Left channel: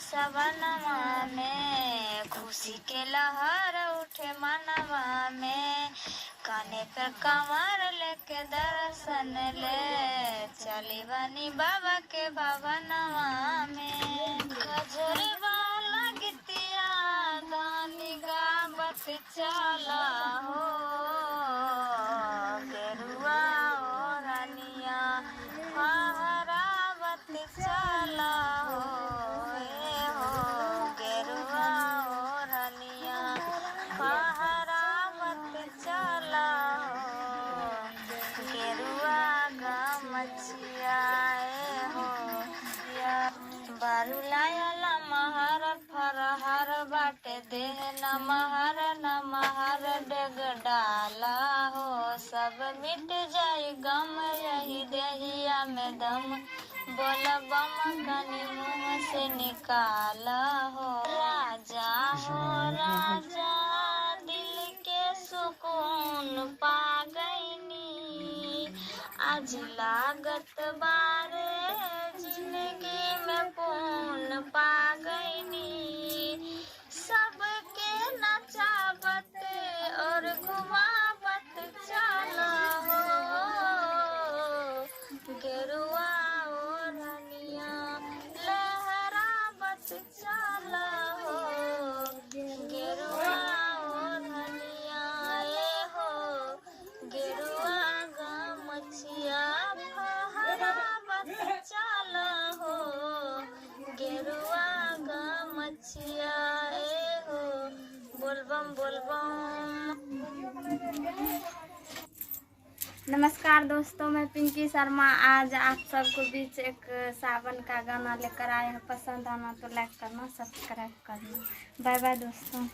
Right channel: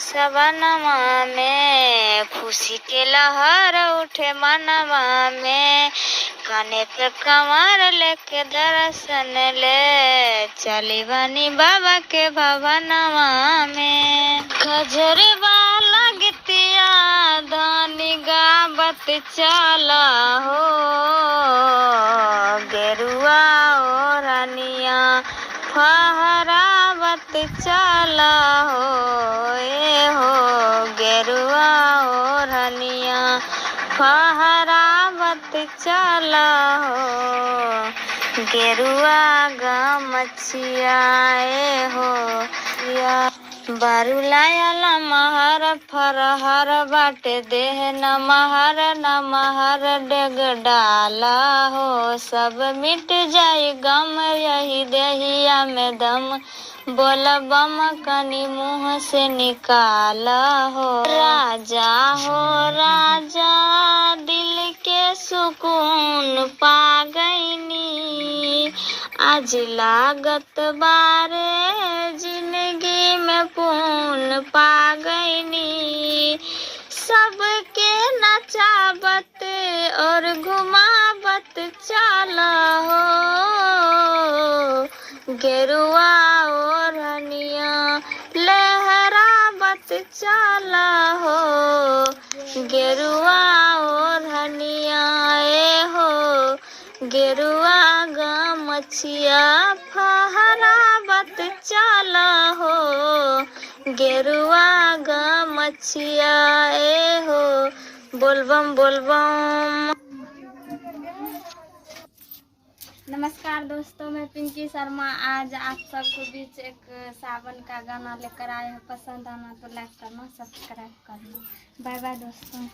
सबनमा में, खुशी के लहर उठे मनवा में। काने पे कमर लेके दर्शन ले, चली बनी बाबा के भवनवा में। गजरवा लगतिया दानी गावत चला हो, गेरुआ ओढ़निया फहरावत चला हो, ए हो गेरुआ ओढ़निया फहरावत चला हो। गेरुआ गमछिया ए हो या बारुलायल महर फरहर बाटे देह नमहर नमहर डेग डाला हो। सब मिट जाई गम यही देहिया में दम, बोल बम कनी मुँह से निकाला हो। राजा हो राजा दिल के सुकून पा गईनी, आज लागत बारे जिंदगी में पून पा गईनी। सबके नचावत और घुमावत चला हो, गेरुआ ओढ़निया लहरावत चला हो। गेरुआ ओढ़निया ए हो, गेरुआ गमछिया फहरावत चला हो, गेरुआ गमछिया ए हो। बोलबम बोलबम। नमस्कार दोस्तों, मैं पिंकी शर्मा आज आप सबको बीच एक सावन का गाना लेकर आए हैं। पसंद आना तो लाइक करना, सब्सक्राइब करना। बाय बाय दोस्तों।